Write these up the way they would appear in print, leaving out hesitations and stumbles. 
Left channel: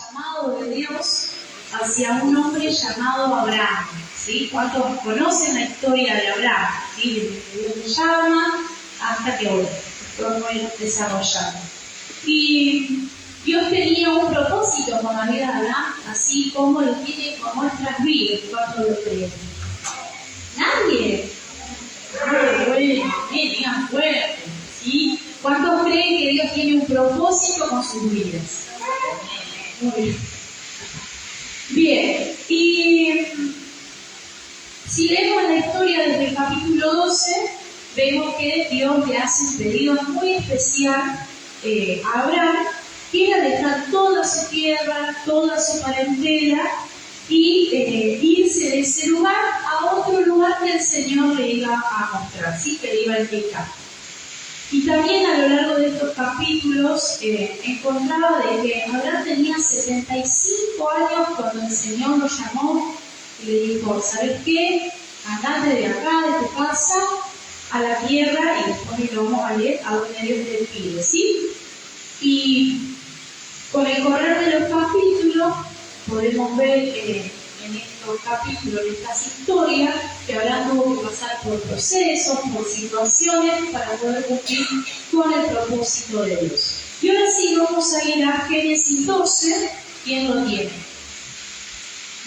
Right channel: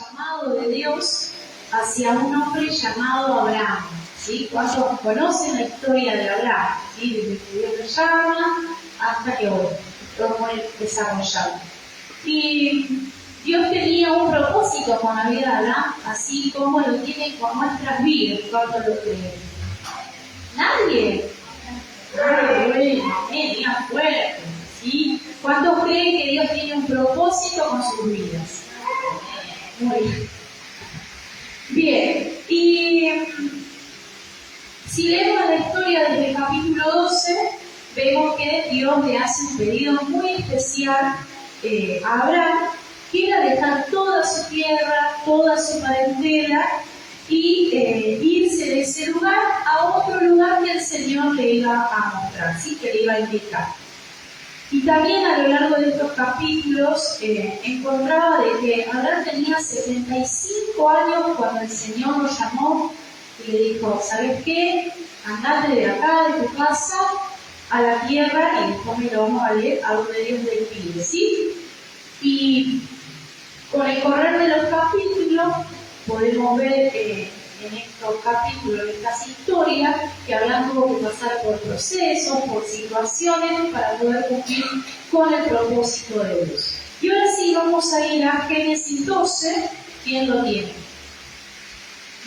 llamado de Dios hacia un hombre llamado Abraham. ¿Sí? ¿Cuántos conocen la historia de Abraham? ¿Sí? Desde que Dios lo llama hasta que hoy fue muy desarrollado. Y Dios tenía un propósito con la vida de Abraham, así como lo tiene con nuestras vidas. ¿Cuántos lo creen? ¿Nadie? Bueno, digan fuerte. ¿Sí? ¿Cuántos creen que Dios tiene un propósito con sus vidas? Muy bien. Bien, y si leemos la historia desde el capítulo 12, vemos que Dios le hace un pedido muy especial a Abraham, que era dejar toda su tierra, toda su parentela y irse de ese lugar a otro lugar que el Señor le iba a mostrar, ¿sí? Que le iba a indicar. Y también a lo largo de estos capítulos encontraba de que Abraham tenía 75 años cuando el Señor lo llamó y le dijo, ¿sabes qué? Andate de acá, de tu casa, a la tierra, y después lo vamos a leer a donde Dios le pide, ¿sí? Y con el correr de los capítulos podemos ver en estos capítulos, en estas historias, que Abraham tuvo que pasar por procesos, por situaciones para poder cumplir con el propósito de Dios. Y ahora sí vamos a ir a Génesis 12. ¿Quién lo tiene?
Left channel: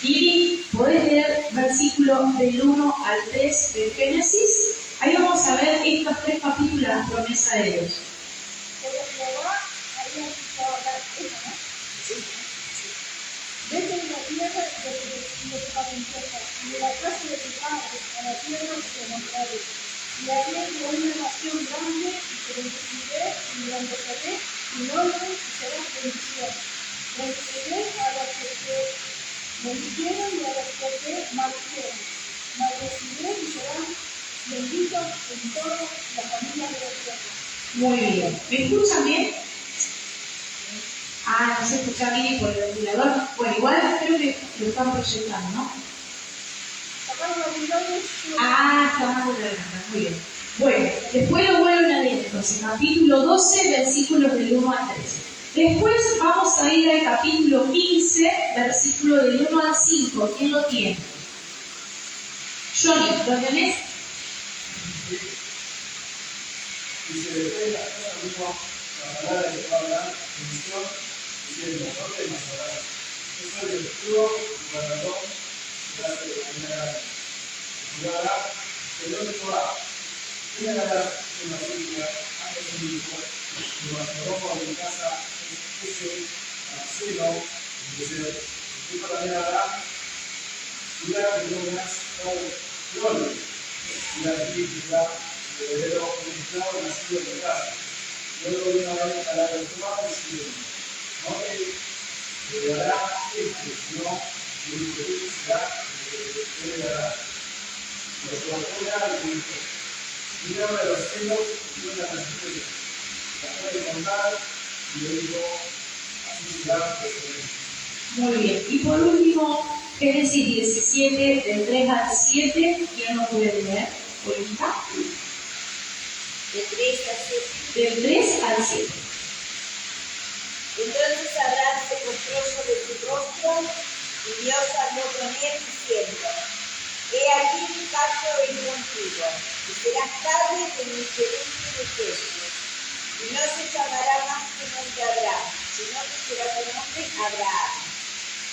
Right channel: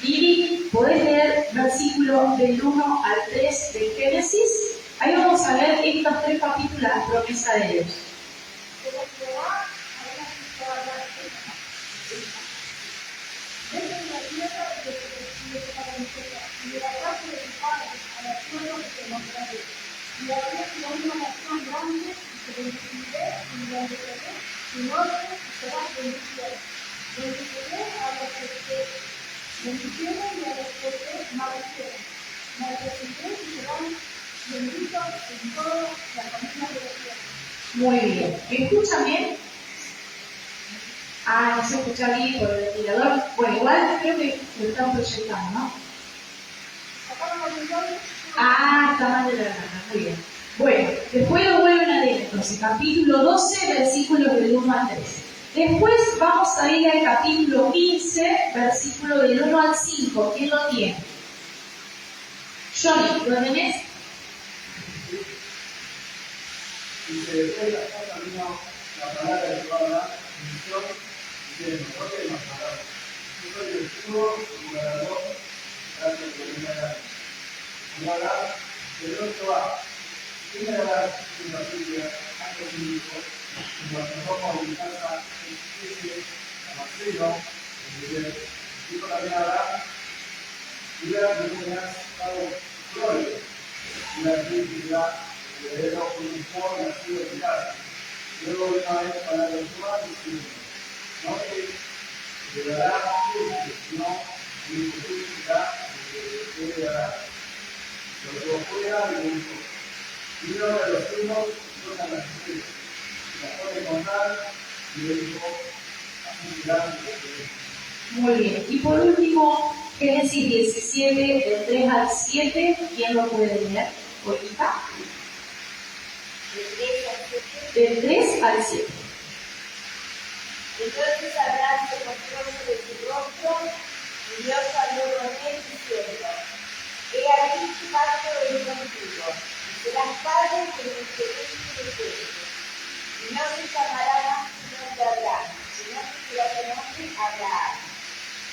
Lili, ¿podés leer versículos del 1 al 3 de Génesis? Ahí vamos a ver estos 3 capítulos, la promesa de Dios. Desde la tierra de tu parentela y de la casa de tu padre a la tierra que te mostraré. Y haré de una nación grande y te bendeciré y engrandeceré tu nombre y serás bendición. Bendeciré a los que te bendicieron y a los que te maldicieron. Maldeciré y serán benditos en toda la familia de los cielos. Muy bien. ¿Me escuchan bien? Ah, no se escucha bien por el ventilador. Bueno, igual creo que lo están proyectando, ¿no? Ah, está más de la garganta. Muy bien. Bueno, después lo vuelven a leer. Entonces, capítulo 12, versículos del 1 al 13. Después vamos a ir al capítulo 15, versículo del 1 al 5. ¿Quién lo tiene? Johnny, ¿lo tenés? Dice, después de la casa vino la palabra de Abraham, bendición, diciendo, no temas, Abraham, yo soy el escudo y guardador que hace de la vida. Y Abraham, ¿de dónde va? ¿Quién hará en Basilia antes de mi hijo? Y lo con mi casa, ese Damaseno, dijo también Abraham, cuida que no me has dado gloria, y aquí dirá, heredero un esclavo nacido en casa. Luego vino a él para el Jehová diciendo, no te heredará sino mi hijo será el que te heredará. Lo llevó fuera y le dijo, vino de los cielos y una las estrellas. La fue a encontrar y le dijo, así será tu descendencia. Muy bien. Y por último, Génesis 17, del 3 al 7. ¿Quién lo puede leer? ¿Ahorita? Del 3 al 7. Entonces Abraham se postró sobre su rostro y Dios habló con él diciendo, he aquí mi pacto es contigo, y serás padre de mi segundo ejército. Y no se llamará más tu nombre Abraham, sino que será tu nombre Abraham,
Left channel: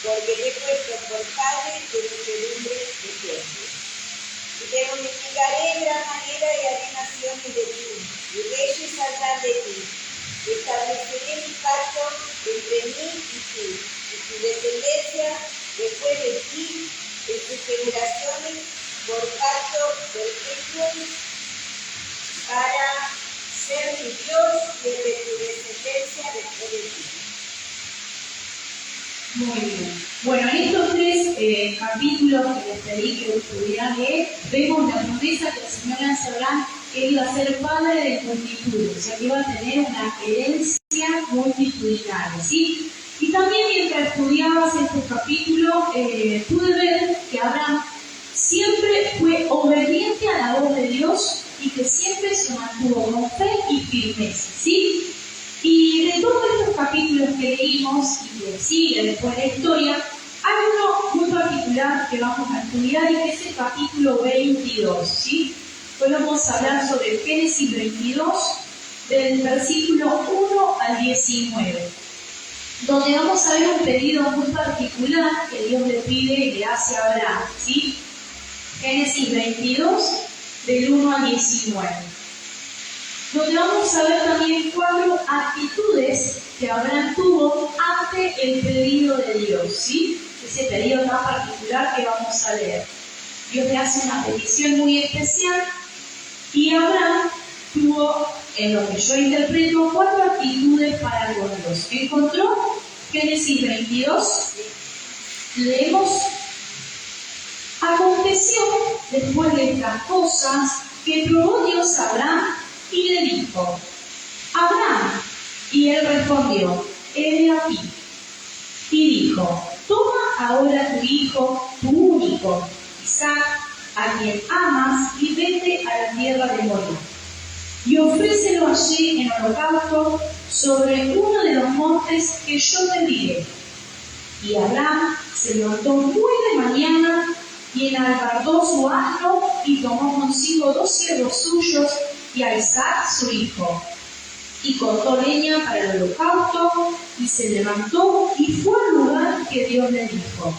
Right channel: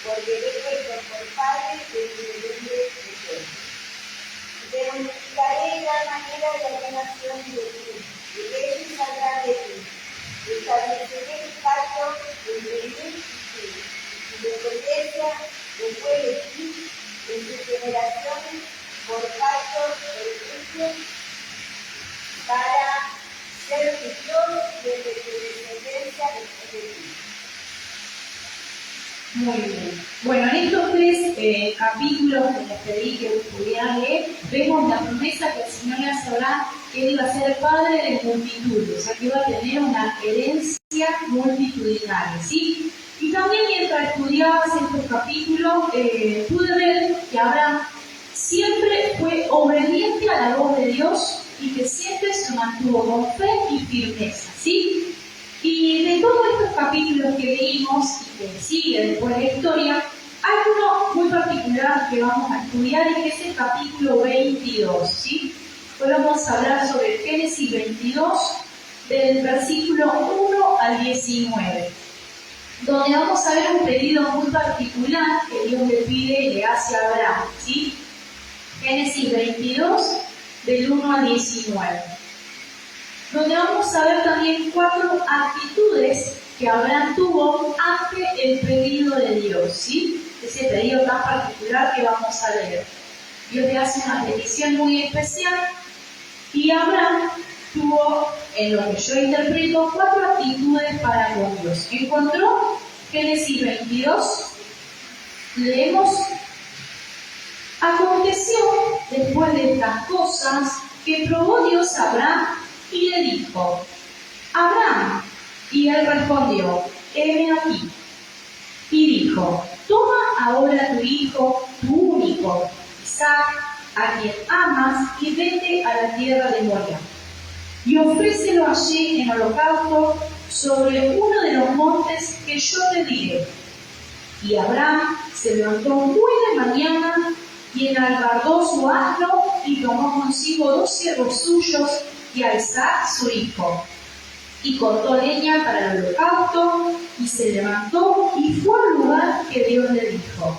porque le he puesto por padre de mi segundo ejército. Y te multiplicaré en gran manera y haré naciones de ti, y reyes saldrán de ti. Estableceré mi pacto entre mí y ti, y tu descendencia después de ti, en tus generaciones, por pacto perpetuo, para ser mi Dios y el de tu descendencia después de ti. Muy bien. Bueno, en estos 3 capítulos que les pedí que pudieran leer, vemos la promesa que el Señor le hace a Abraham, que él iba a ser padre de multitudes, o sea que iba a tener una herencia multitudinaria, ¿sí? Y también mientras estudiabas estos capítulos, pude ver que Abraham siempre fue obediente a la voz de Dios y que siempre se mantuvo con fe y firmeza, ¿sí? Y de todos estos capítulos que leímos y que sigue después de la historia, hay uno muy particular que vamos a estudiar y que es el capítulo 22, ¿sí? Hoy vamos a hablar sobre Génesis 22, del versículo 1 al 19, donde vamos a ver un pedido muy particular que Dios le pide y le hace a Abraham, ¿sí? Génesis 22, del 1 al 19, donde vamos a ver también 4 actitudes que Abraham tuvo ante el pedido de Dios, ¿sí? Ese pedido tan particular que vamos a leer. Dios le hace una petición muy especial y Abraham tuvo, en lo que yo interpreto, 4 actitudes para con Dios. Encontró Génesis 22, leemos: aconteció después de estas cosas que probó Dios a Abraham y le dijo: Abraham. Y él respondió: heme aquí. Y dijo: toma ahora tu hijo, tu único, Isaac, a quien amas, y vete a la tierra de Moria, y ofrécelo allí en holocausto sobre uno de los montes que yo te diré. Y Abraham se levantó muy de mañana y enalbardó su asno y tomó consigo 2 siervos suyos y a Isaac su hijo. Y cortó leña para el holocausto y se levantó y fue al lugar que Dios le dijo.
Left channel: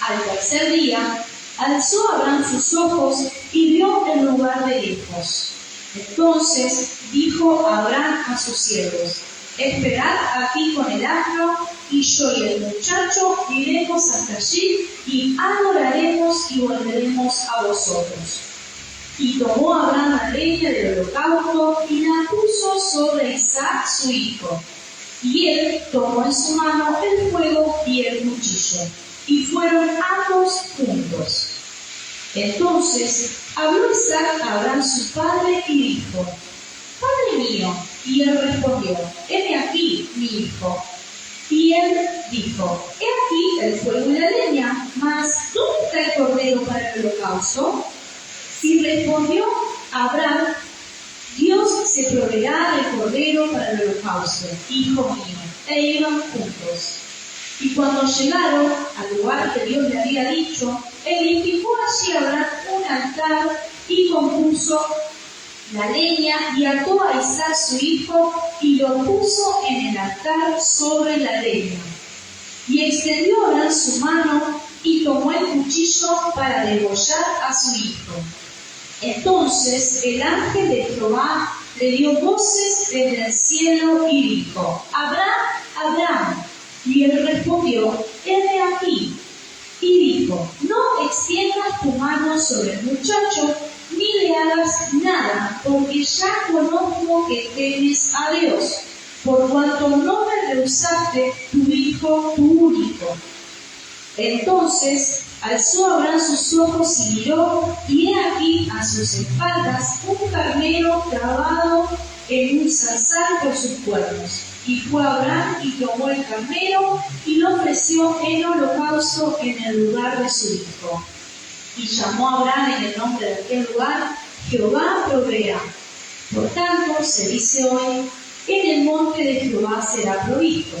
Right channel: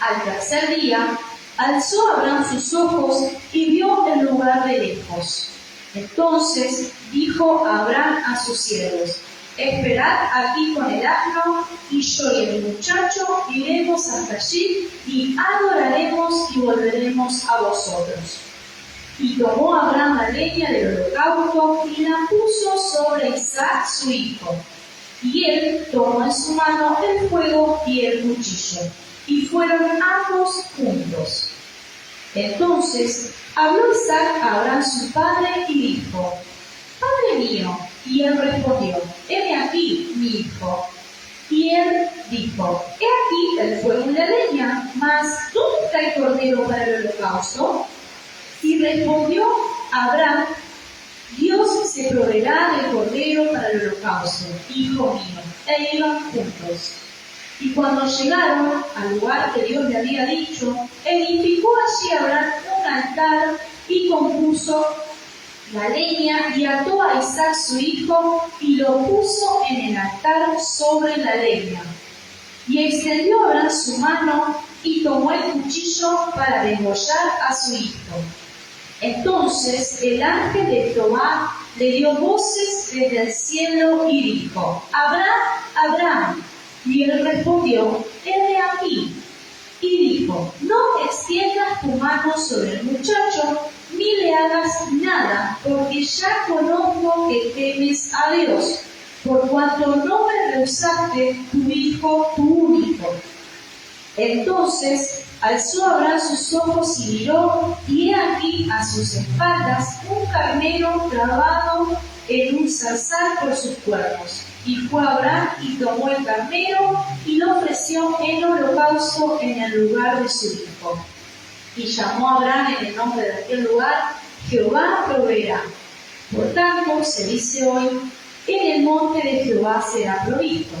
Al tercer día alzó Abraham sus ojos y vio el lugar de lejos. Entonces dijo Abraham a sus siervos: esperad aquí con el asno, y yo y el muchacho iremos hasta allí y adoraremos y volveremos a vosotros. Y tomó Abraham la leña del holocausto y la puso sobre Isaac su hijo. Y él tomó en su mano el fuego y el cuchillo, y fueron ambos juntos. Entonces habló Isaac a Abraham su padre y dijo: Padre mío. Y él respondió: heme aquí, mi hijo. Y él dijo: he aquí el fuego y la leña, mas ¿dónde está el cordero para el holocausto? Y respondió Abraham: Dios se proveerá del cordero para el holocausto, hijo mío. E iban juntos. Y cuando llegaron al lugar que Dios le había dicho, edificó allí Abraham un altar y compuso la leña y ató a Isaac su hijo y lo puso en el altar sobre la leña. Y extendió Abraham su mano y tomó el cuchillo para degollar a su hijo. Entonces el ángel de Jehová le dio voces desde el cielo y dijo: Abraham, Abraham. Y él respondió: heme aquí. Y dijo: no extiendas tu mano sobre el muchacho, ni le hagas nada, porque ya conozco que temes a Dios, por cuanto no me rehusaste tu hijo, tu único. Entonces alzó Abraham sus ojos y miró, y he aquí a sus espaldas un carnero trabado en un zarzal por sus cuernos. Y fue Abraham y tomó el carnero y lo ofreció en holocausto en el lugar de su hijo. Y llamó a Abraham en el nombre de aquel lugar: Jehová proveerá. Por tanto, se dice hoy: en el monte de Jehová será provisto.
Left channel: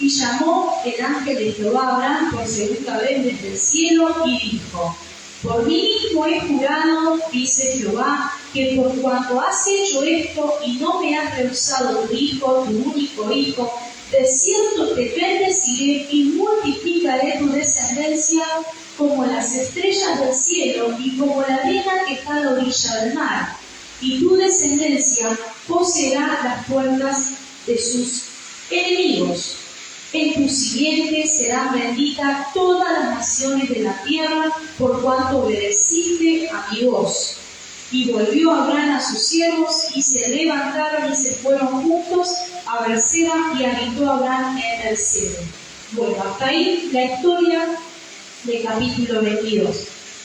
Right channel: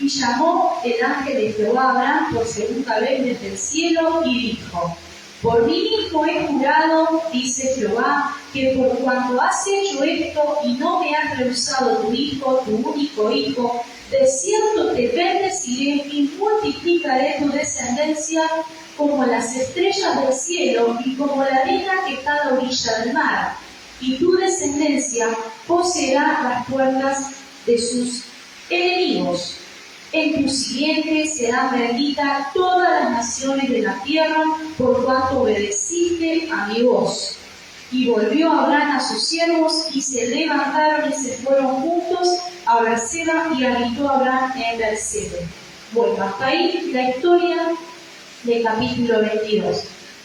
Y llamó el ángel de Jehová a Abraham por segunda vez desde el cielo y dijo: por mí mismo he jurado, dice Jehová, que por cuanto has hecho esto y no me has rehusado tu hijo, tu único hijo, de cierto te bendeciré y multiplicaré tu descendencia como las estrellas del cielo y como la arena que está a la orilla del mar. Y tu descendencia poseerá las puertas de sus enemigos. En tu simiente serán benditas todas las naciones de la tierra, por cuanto obedeciste a mi voz. Y volvió Abraham a sus siervos, y se levantaron y se fueron juntos a Berseba, y habitó Abraham en Berseba. Bueno, hasta ahí la historia del capítulo 22,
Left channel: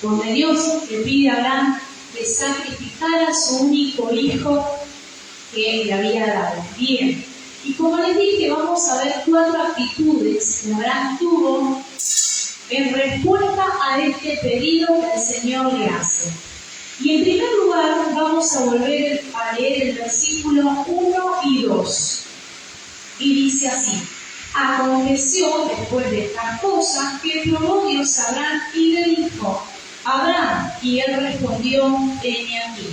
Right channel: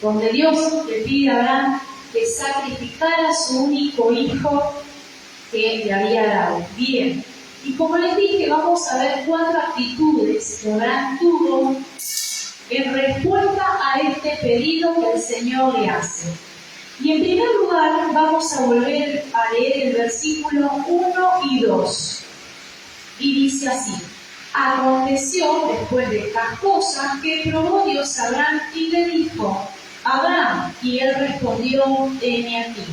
donde Dios le pide a Abraham que sacrificara a su único hijo que le había dado. Bien. Y como les dije, vamos a ver 4 actitudes que Abraham tuvo en respuesta a este pedido que el Señor le hace. Y en primer lugar vamos a volver a leer el versículo 1 y 2. Y dice así: aconteció después de estas cosas que probó Dios a Abraham y le dijo: Abraham, y él respondió: heme aquí.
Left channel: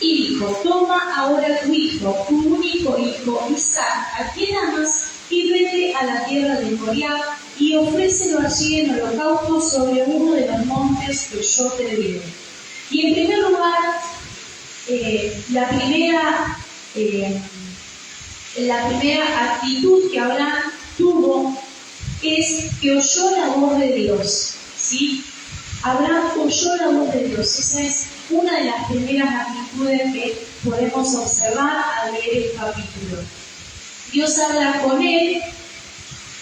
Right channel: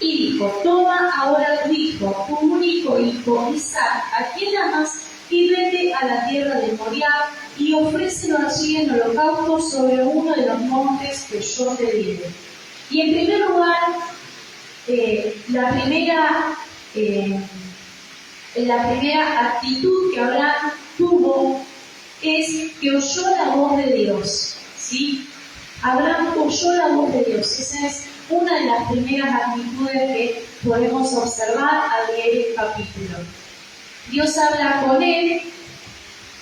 Y dijo: toma ahora tu hijo, tu único hijo Isaac, a quien amas, y vete a la tierra de Moriah y ofrécelo allí en holocausto sobre uno de los montes que yo te diré. Y en primer lugar, la primera actitud que Abraham tuvo es que oyó la voz de Dios, ¿sí? Abraham oyó la voz de Dios. Esa es una de las primeras actitudes que podemos observar al leer el capítulo. Dios habla con él,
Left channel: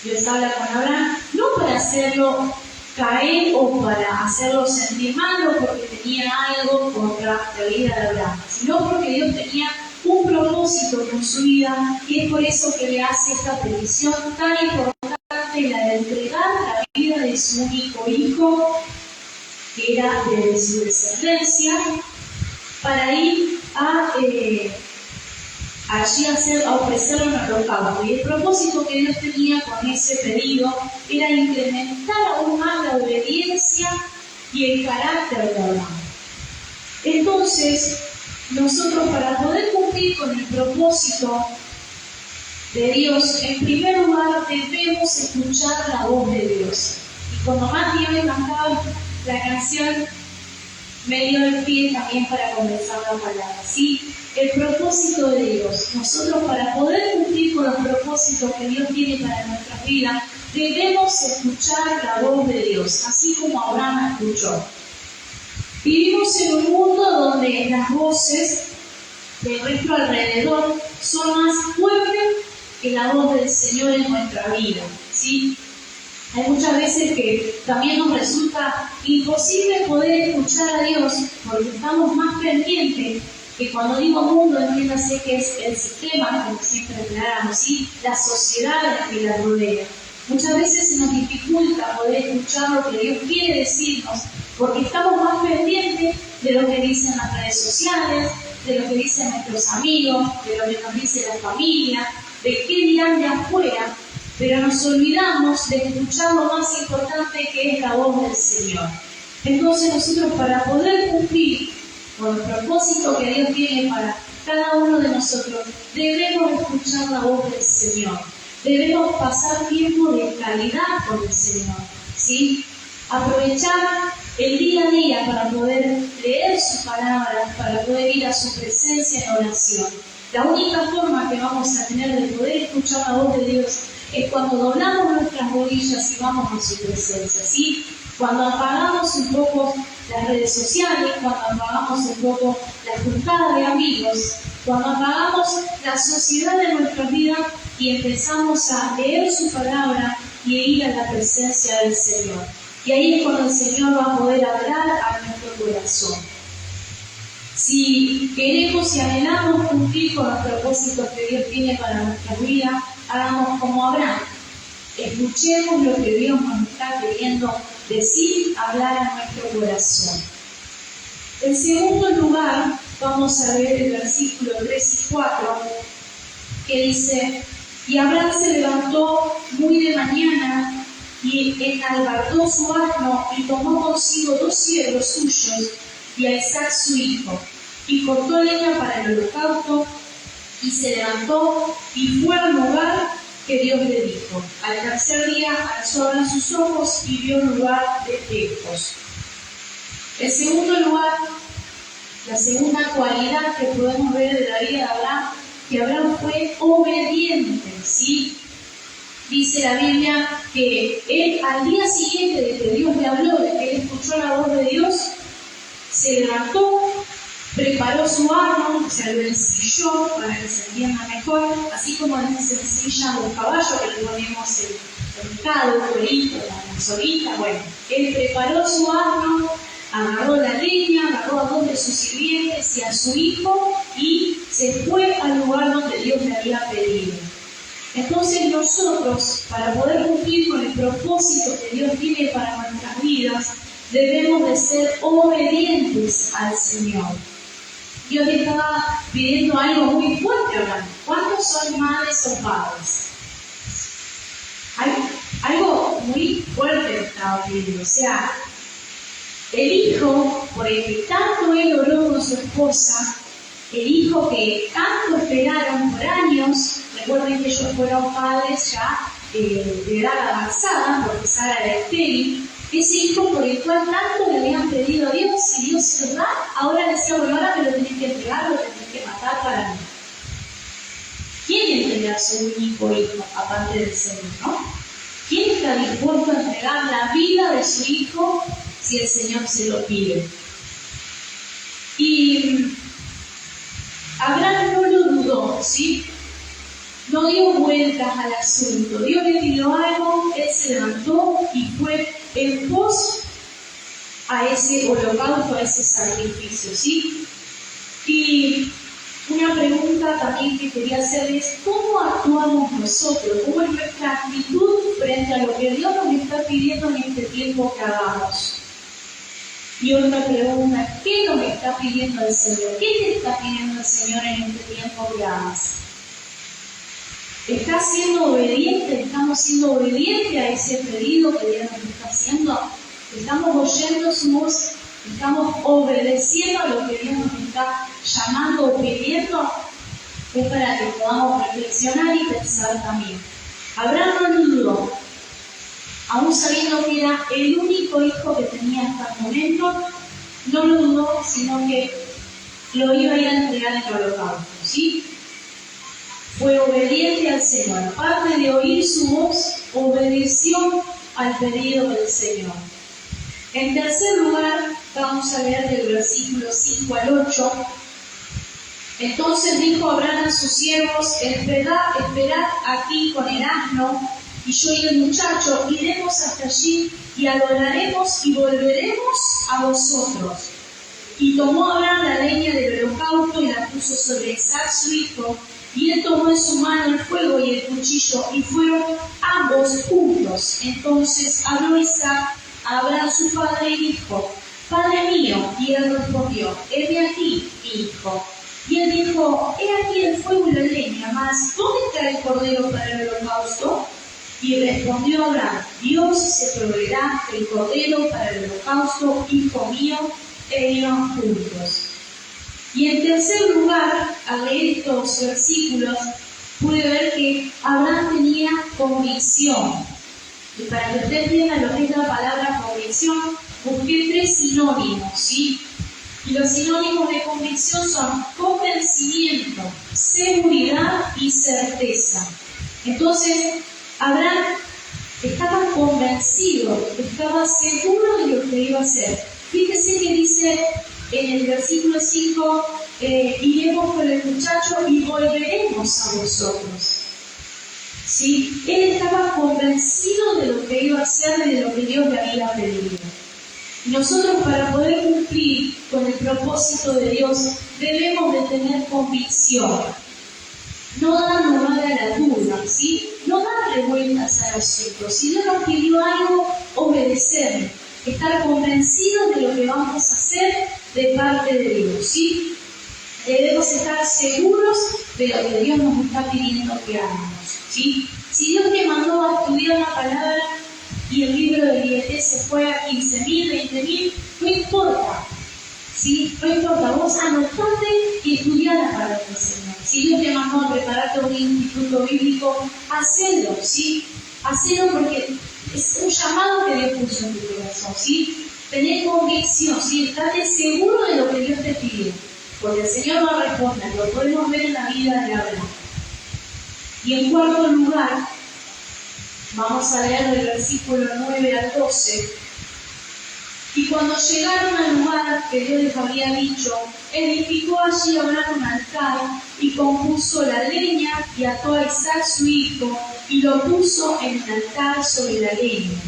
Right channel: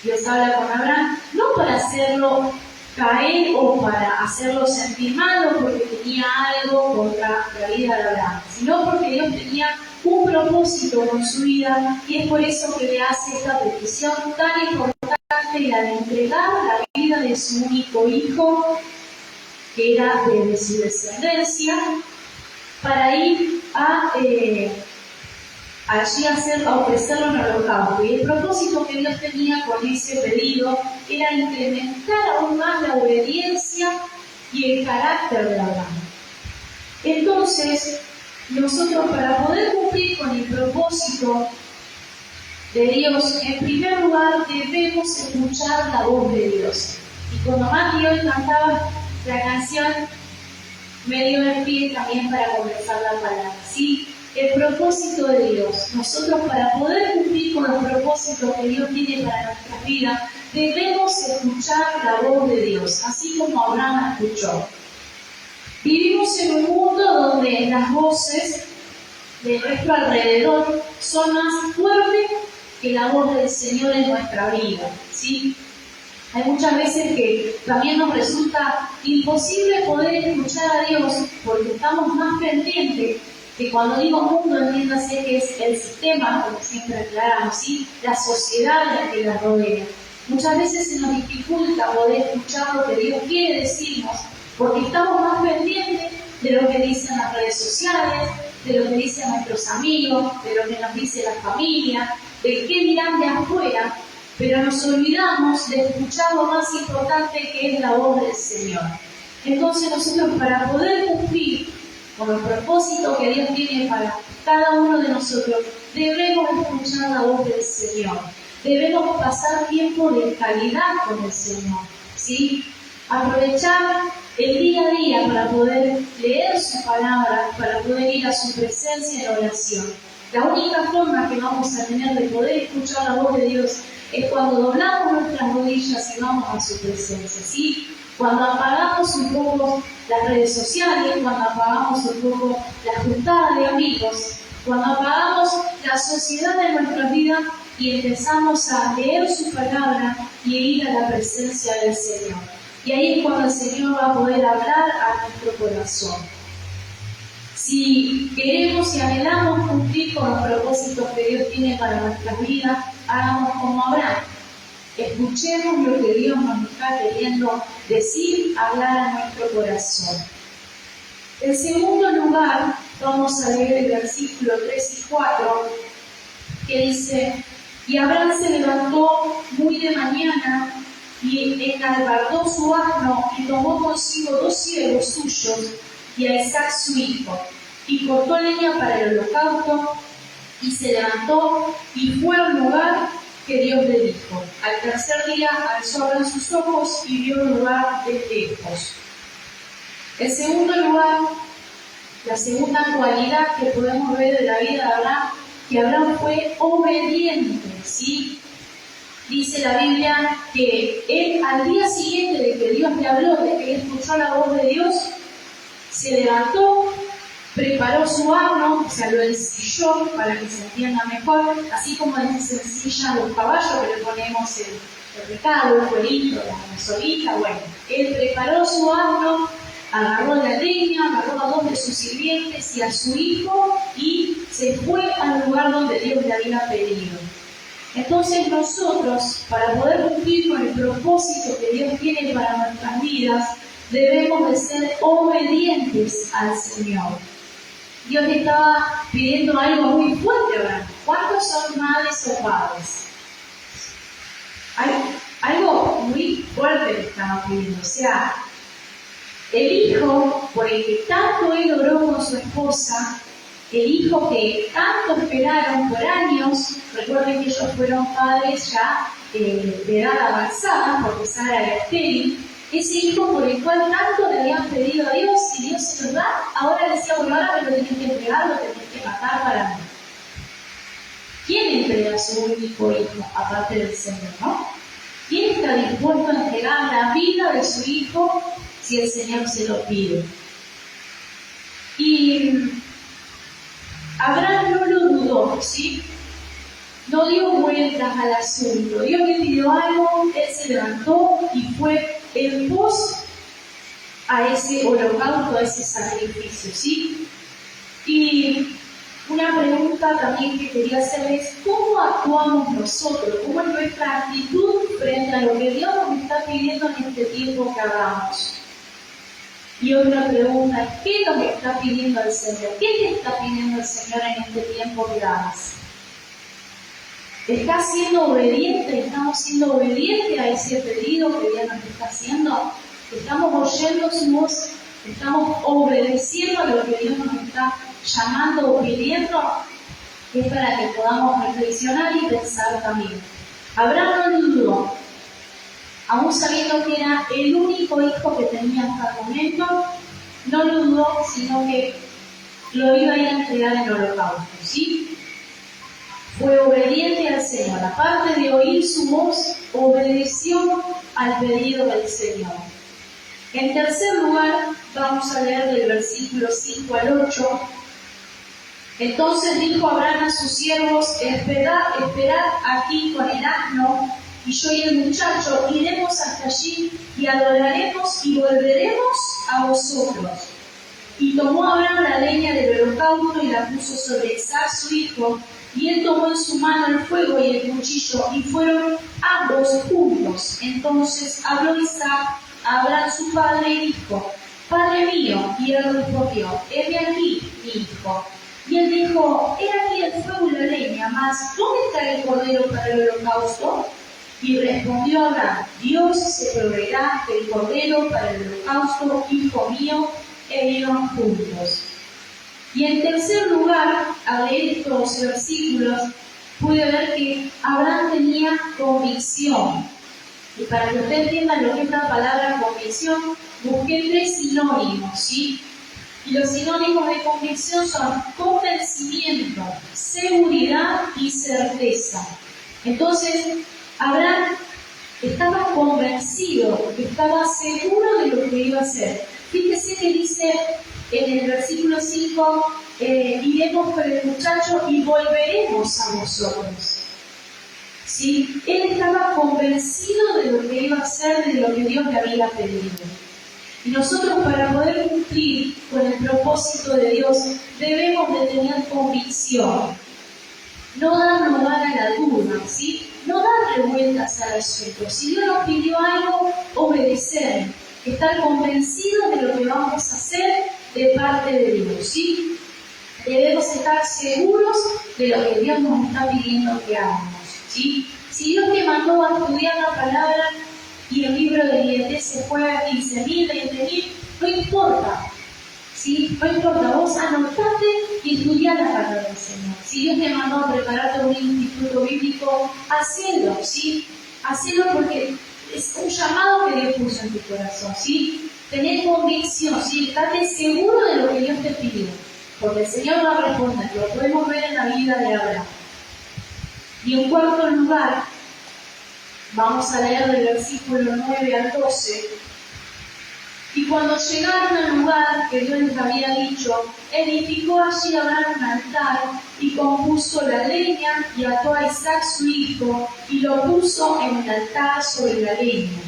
Dios habla con Abraham, no para hacerlo caer o para hacerlo sentir mal o porque tenía algo contra la vida de Abraham, sino porque Dios tenía un propósito con su vida, y es por eso que le hace esta petición tan importante, la de entregar la vida de su único hijo, que era de su descendencia, para ir allí a ofrecerlo en holocausto. Y el propósito que Dios tenía con ese pedido era incrementar aún más la obediencia y el carácter de Abraham. Entonces, nosotros, para poder cumplir con el propósito de Dios, en primer lugar debemos escuchar la voz de Dios. Y cuando Mati hoy cantaba la canción, me dio el pie también para comenzar la palabra, ¿sí? El propósito de Dios. Nosotros, para poder cumplir con los propósitos que Dios tiene para nuestras vidas, debemos escuchar la voz de Dios, así como Abraham escuchó. Vivimos en un mundo donde las voces de nuestro alrededor son más fuertes que la voz del Señor en nuestra vida, ¿sí? Hay muchas veces que también nos resulta imposible poder escuchar a Dios porque estamos más pendientes, que cuando digo mundo, entiéndase que es el sistema, como siempre aclaramos, ¿sí? La sociedad en la que la rodea. Muchas veces se nos dificulta poder escuchar lo que Dios quiere decirnos, porque estamos más pendientes de lo que dicen las redes sociales, de lo que dicen nuestros amigos, de lo que nos dice la familia, de qué dirán de afuera, pero nos olvidamos de escuchar lo más importante, que es la voz del Señor. Entonces nosotros, para poder cumplir con el propósito que Dios tiene para cada uno de nosotros, debemos escuchar la voz del Señor. Debemos pasar tiempo de calidad con el Señor, ¿sí? Aprovechar el día a día para poder leer su palabra, para poder ir a su presencia en oración. La única forma que vamos a tener de poder escuchar la voz de Dios es cuando doblamos nuestras rodillas y vamos a su presencia, ¿sí? Cuando apagamos un poco las redes sociales, cuando apagamos un poco la juntada de amigos, cuando apagamos la sociedad de nuestra vida y empezamos a leer su palabra y a ir a la presencia del Señor. Y ahí es cuando el Señor va a poder hablar a nuestro corazón. Si queremos y anhelamos cumplir con los propósitos que Dios tiene para nuestras vidas, hagamos como Abraham. Escuchemos lo que Dios nos está queriendo decir, hablar a nuestro corazón. En segundo lugar, vamos a leer el versículo 3 y 4, que dice: y Abraham se levantó muy de mañana y enalbardó su asno y tomó consigo 2 siervos suyos y a Isaac su hijo, y cortó leña para el holocausto, y se levantó y fue al lugar que Dios le dijo. Al tercer día alzó Abraham sus ojos y vio el lugar de lejos. En segundo lugar, la segunda cualidad que podemos ver de la vida de Abraham, que Abraham fue obediente, ¿sí? Dice la Biblia que él, al día siguiente de que Dios le habló, de que él escuchó la voz de Dios, se levantó, preparó su asno, o sea, lo ensilló para que se entienda mejor, así como se ensillan los caballos que le ponemos el recado, el cuerito, la soguita. Bueno, él preparó su asno, agarró la leña, agarró a 2 de sus sirvientes y a su hijo y se fue al lugar donde Dios le había pedido. Entonces nosotros, para poder cumplir con el propósito que Dios tiene para nuestras vidas, debemos de ser obedientes al Señor. Dios le estaba pidiendo algo muy fuerte a Abraham. ¿Cuántos son madres o padres? Algo muy fuerte le estaba pidiendo. O sea, el hijo por el que tanto él oró con su esposa, el hijo que tanto esperaron por años, recuerden que ellos fueron padres ya de edad avanzada, porque Sara era estéril, ese hijo por el cual tanto le habían pedido a Dios, y Dios se los da, ahora decía, bueno, ahora me lo tenés que entregar, lo tenés que matar para mí. ¿Quién entrega a su único hijo, aparte del Señor, no? ¿Quién está dispuesto a entregar la vida de su hijo si el Señor se lo pide? Y Abraham no lo dudó, ¿sí? No dio vueltas al asunto. Dios le pidió algo, él se levantó y fue en pos a ese holocausto, a ese sacrificio, ¿sí? Y una pregunta también que quería hacerles, ¿cómo actuamos nosotros? ¿Cómo es nuestra actitud frente a lo que Dios nos está pidiendo en este tiempo que hagamos? Y otra pregunta, ¿qué nos está pidiendo el Señor? ¿Qué te está pidiendo el Señor en este tiempo que hagas? ¿Estás siendo obediente? ¿Estamos siendo obedientes a ese pedido que Dios nos está haciendo? ¿Estamos oyendo su voz? ¿Estamos obedeciendo a lo que Dios nos está llamando o pidiendo? Es para que podamos reflexionar y pensar también. Abraham no dudó, aún sabiendo que era el único hijo que tenía hasta el momento, no lo dudó, sino que lo iba a ir a entregar en el holocausto, ¿sí? Fue obediente al Señor. Aparte de oír su voz, obedeció al pedido del Señor. En tercer lugar, vamos a leer del versículo 5 al 8. Entonces dijo Abraham a sus siervos, esperad aquí con el asno, y yo y el muchacho iremos hasta allí y adoraremos y volveremos a vosotros. Y tomó Abraham la leña del holocausto y la puso sobre Isaac su hijo, y él tomó en su mano el fuego y el cuchillo, y fueron ambos juntos. Entonces habló Isaac a Abraham su padre y dijo, Padre mío. Y él respondió, heme aquí, mi hijo. Y él dijo, he aquí el fuego y la leña, mas ¿dónde está el cordero para el holocausto? Y respondió Abraham, Dios se proveerá del cordero para el holocausto, hijo mío, e iban juntos. Y en tercer lugar, al leer estos versículos, pude ver que Abraham tenía convicción. Y para que usted entienda lo que es la palabra convicción, busqué 3 sinónimos, ¿sí? Y los sinónimos de convicción son convencimiento, seguridad y certeza. Entonces, Abraham estaba convencido, estaba seguro de lo que iba a hacer. Fíjese que dice en el versículo 5, iremos con el muchacho y volveremos a vosotros. ¿Sí? Él estaba convencido de lo que iba a hacer, de lo que Dios le había pedido. Y nosotros, para poder cumplir con el propósito de Dios, debemos de tener convicción. No dar lugar a la duda, ¿sí? No darle vueltas al asunto. Si Dios nos pidió algo, obedecer. Estar convencidos de lo que vamos a hacer de parte de Dios, ¿sí? Debemos estar seguros de lo que Dios nos está pidiendo que hagamos, ¿sí? Si Dios te mandó a estudiar la palabra y el libro de IET se fue a 15.000, 20.000, no importa, ¿sí? No importa, vos anotate y estudiá la palabra del Señor. Si Dios te mandó a prepararte un instituto bíblico, hacelo, ¿sí? Hacelo porque es un llamado que Dios puso en tu corazón, ¿sí? Tener convicción, ¿sí? Estate seguro de lo que Dios te pide, porque el Señor va a responder. Lo podemos ver en la vida de Abraham. Y en cuarto lugar, vamos a leer del versículo 9 al 12. Y cuando llegaron al lugar que Dios les había dicho, edificó allí Abraham un altar y compuso la leña y ató a Isaac su hijo y lo puso en el altar sobre la leña.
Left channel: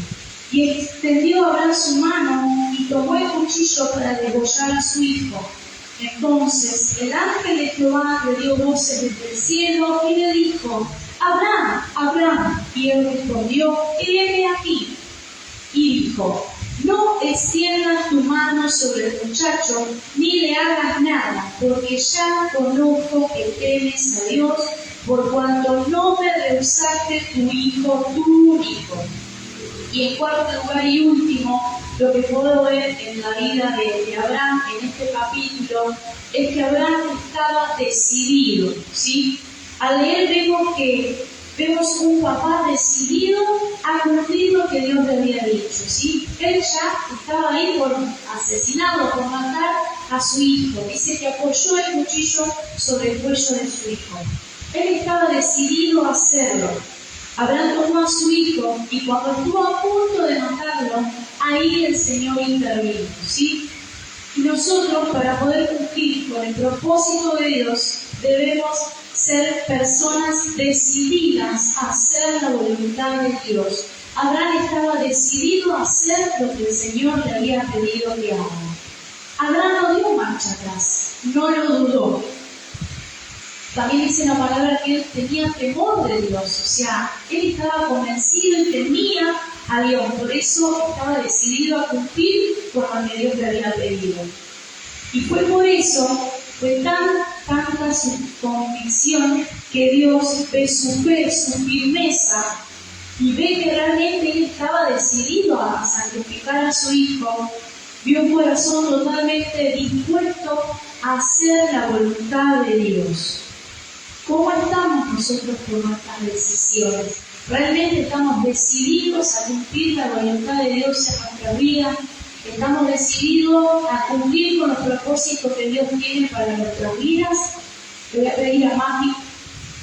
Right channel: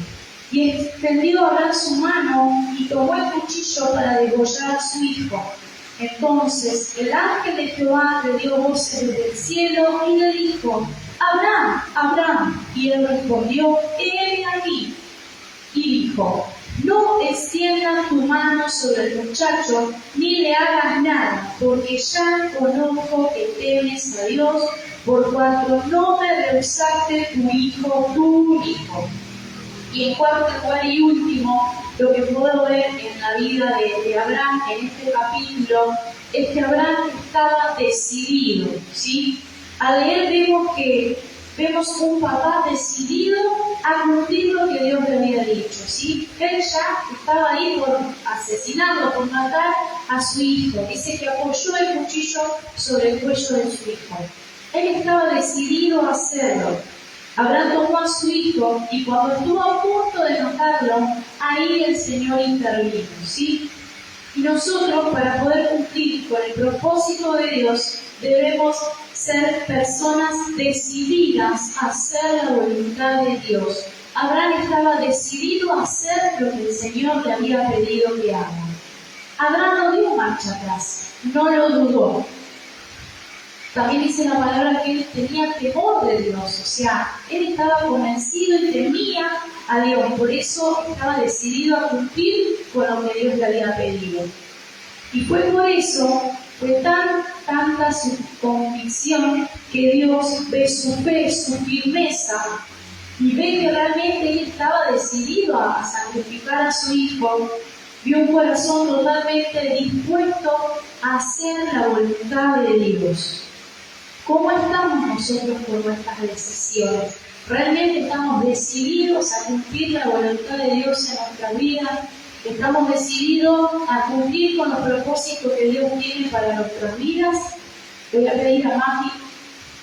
Y extendió Abraham su mano y tomó el cuchillo para degollar a su hijo. Entonces el ángel de Jehová le dio voces desde el cielo y le dijo, Abraham, Abraham. Y él respondió, heme aquí. Y dijo, no extiendas tu mano sobre el muchacho, ni le hagas nada, porque ya conozco que temes a Dios, por cuanto no me rehusaste tu hijo. Y en cuarto lugar y último, lo que puedo ver en la vida de Abraham en este capítulo es que Abraham estaba decidido, ¿sí? Al leer vemos un papá decidido a cumplir lo que Dios le había dicho, ¿sí? Él ya estaba ahí por asesinarlo, por matar a su hijo. Dice que apoyó el cuchillo sobre el cuello de su hijo. Él estaba decidido a hacerlo. Abraham tomó a su hijo y cuando estuvo a punto de matarlo, ahí el Señor intervino, ¿sí? Y nosotros, para poder cumplir con el propósito de Dios, debemos ser personas decididas a hacer la voluntad de Dios. Abraham estaba decidido a hacer lo que el Señor le había pedido que haga. Abraham no dio marcha atrás, no lo dudó. También dice la palabra que él tenía temor de Dios, o sea, él estaba convencido y temía a Dios, por eso estaba decidido a cumplir con lo que Dios le había pedido. Y fue por eso, fue tanta su convicción que Dios ve su fe, su firmeza, y ve que realmente él estaba decidido a sacrificar a su hijo, vio un corazón totalmente dispuesto a hacer la voluntad de Dios. ¿Cómo estamos nosotros con nuestras decisiones? ¿Realmente estamos decididos a cumplir la voluntad de Dios en nuestra vida? ¿Estamos decididos a cumplir con los propósitos que Dios tiene para nuestras vidas? Le voy a pedir a Mati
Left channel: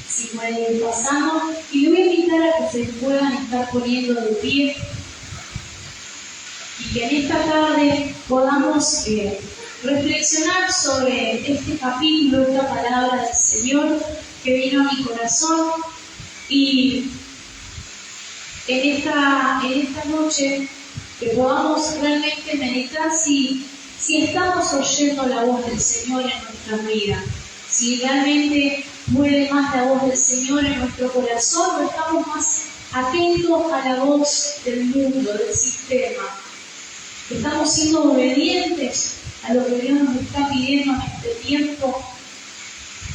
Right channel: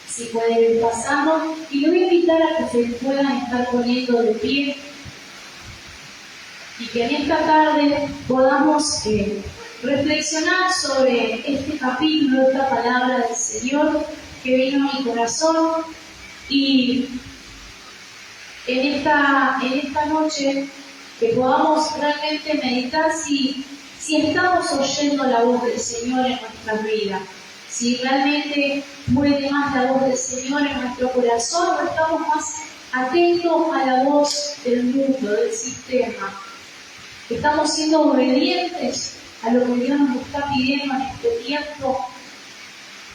si puede ir pasando y le voy a invitar a que se puedan estar poniendo de pie y que en esta tarde podamos reflexionar sobre este capítulo, esta palabra del Señor que vino a mi corazón, y en esta noche que podamos realmente meditar si estamos oyendo la voz del Señor en nuestras vidas, si realmente puede más la voz del Señor en nuestro corazón o estamos más atentos a la voz del mundo, del sistema. Estamos siendo obedientes a lo que Dios nos está pidiendo en este tiempo.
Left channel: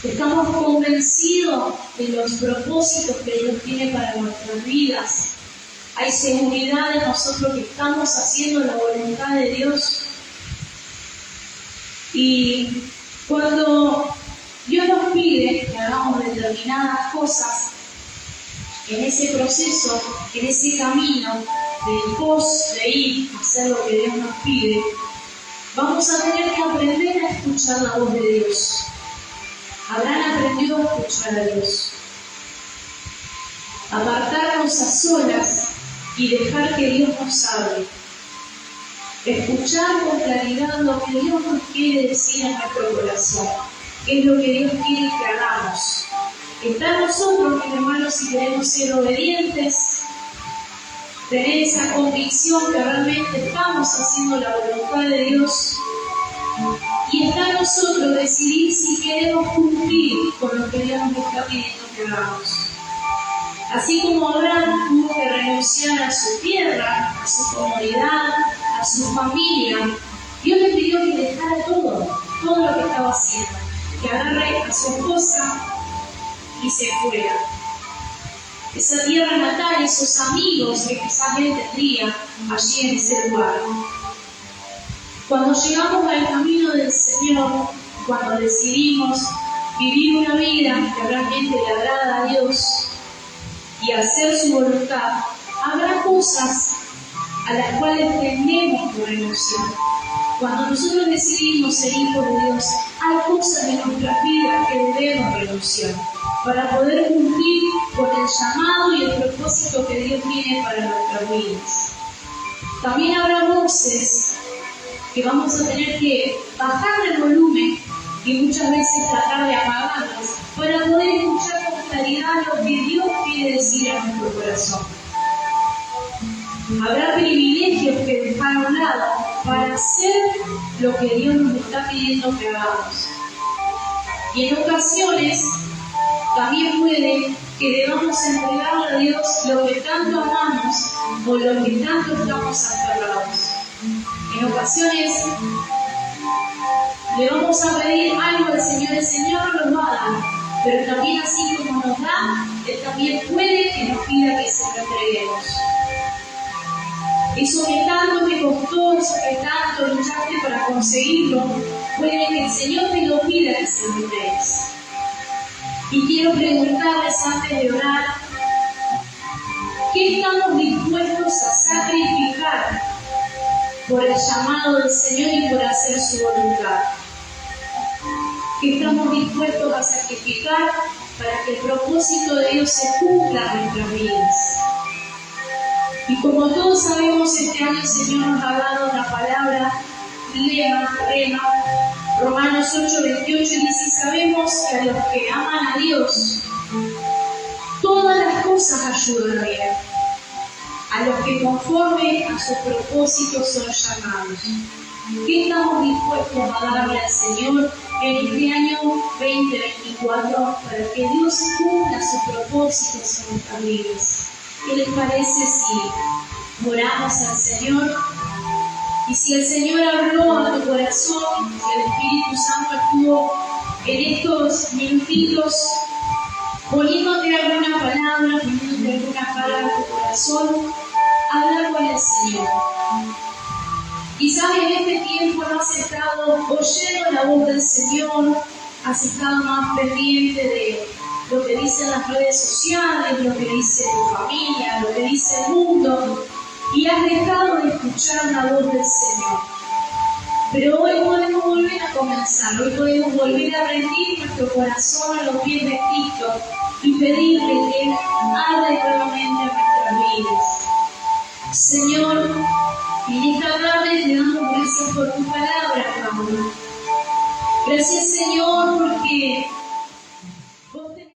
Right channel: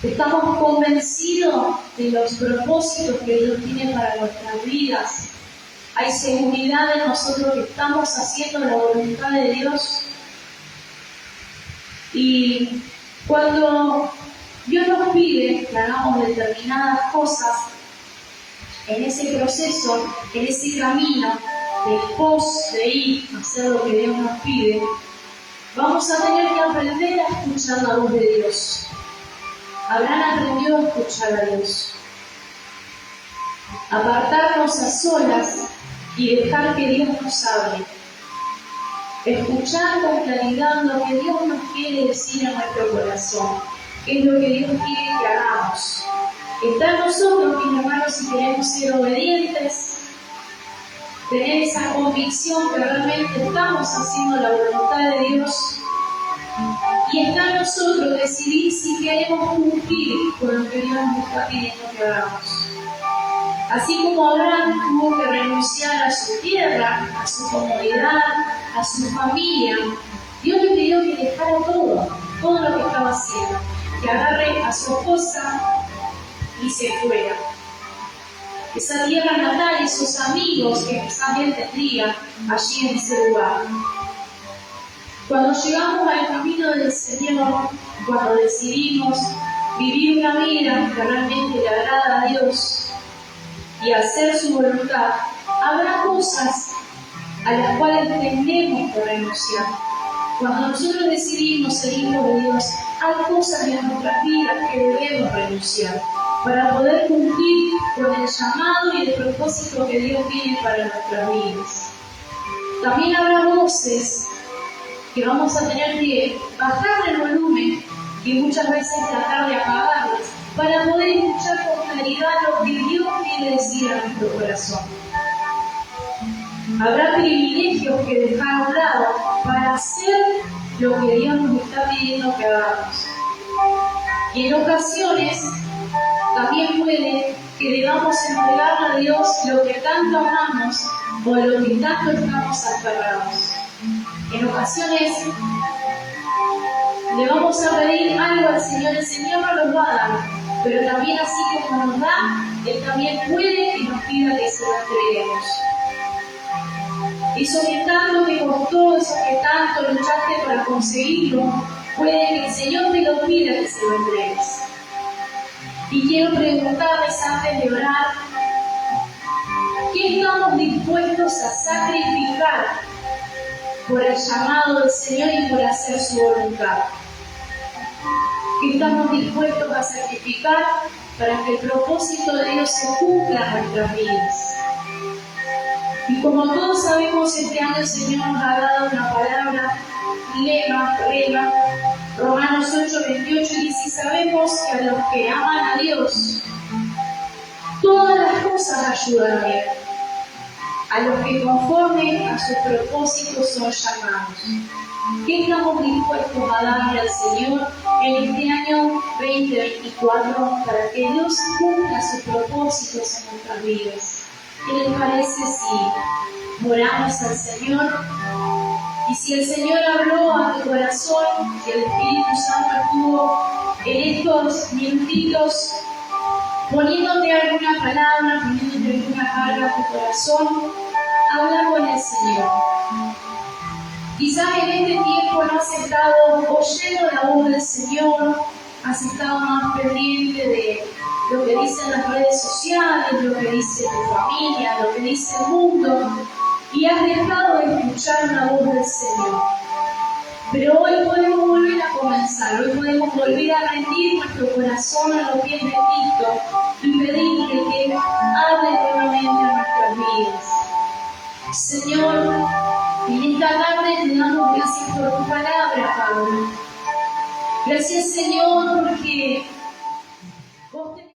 Estamos convencidos de los propósitos que Dios tiene para nuestras vidas. Hay seguridad en nosotros que estamos haciendo la voluntad de Dios. Y cuando Dios nos pide que hagamos determinadas cosas, en ese proceso, en ese camino del pos de ir a hacer lo que Dios nos pide, vamos a tener que aprender a escuchar la voz de Dios. Abraham aprendió a escuchar a Dios, apartarnos a solas y dejar que Dios nos hable, escuchar con claridad lo que Dios nos quiere decir a nuestro corazón, qué es lo que Dios quiere que hagamos. Está en nosotros, mis hermanos, si queremos ser obedientes, tener esa convicción que realmente estamos haciendo la voluntad de Dios. Y está en nosotros decidir si queremos cumplir con lo que Dios nos está pidiendo que hagamos. Así como Abraham tuvo que renunciar a su tierra, a su comodidad, a su familia, Dios le pidió que dejara todo lo que estaba haciendo, que agarre a su esposa y se fuera. Esa tierra natal, esos amigos que quizás él tendría allí en ese lugar. Cuando llegamos al camino del Señor, cuando decidimos vivir una vida que realmente le agrada a Dios y hacer su voluntad, habrá cosas a las cuales tendremos que renunciar. Cuando nosotros decidimos ser hijos de Dios, hay cosas de nuestras vidas que debemos renunciar para poder cumplir con el llamado y el propósito que Dios tiene para nuestras vidas. También habrá voces que vamos a tener que bajar el volumen y muchas veces tratar de apagarlas para poder escuchar con claridad lo que Dios quiere decir a nuestro corazón. Habrá privilegios que dejar a un lado para hacer lo que Dios nos está pidiendo que hagamos. Y en ocasiones también puede que debamos entregarle a Dios lo que tanto amamos o lo que tanto estamos aferrados. ocasiones le vamos a pedir algo al Señor, el Señor nos lo va a dar, pero también así como nos da, Él también puede que nos pida que se lo entreguemos. Eso que tanto te costó, eso que tanto luchaste para conseguirlo, puede que el Señor te lo pida que se lo entregues. Y quiero preguntarles antes de orar, ¿qué estamos dispuestos a sacrificar por el llamado del Señor y por hacer su voluntad? ¿Qué estamos dispuestos a sacrificar para que el propósito de Dios se cumpla en nuestras vidas? Y como todos sabemos, este año el Señor nos ha dado una palabra, rema, Romanos 8:28, dice: sabemos que a los que aman a Dios, todas las cosas ayudan a bien, a los que conforme a su propósito son llamados. ¿Qué estamos dispuestos a darle al Señor en este año 2024 para que Dios cumpla sus propósitos en nuestras vidas? ¿Qué les parece si oramos al Señor? Y si el Señor habló a tu corazón, si el Espíritu Santo estuvo en estos minutitos poniéndote alguna palabra, poniéndote alguna carga a tu corazón, habla con el Señor. Quizás en este tiempo no has estado oyendo la voz del Señor, has estado más pendiente de lo que dicen las redes sociales, lo que dice tu familia, lo que dice el mundo, y has dejado de escuchar la voz del Señor. Pero hoy podemos volver a comenzar, hoy podemos volver a rendir nuestro corazón a los pies de Cristo y pedirle que Él hable nuevamente en nuestras vidas. Señor, en esta tarde te damos gracias por tu palabra, Padre. Gracias, Señor,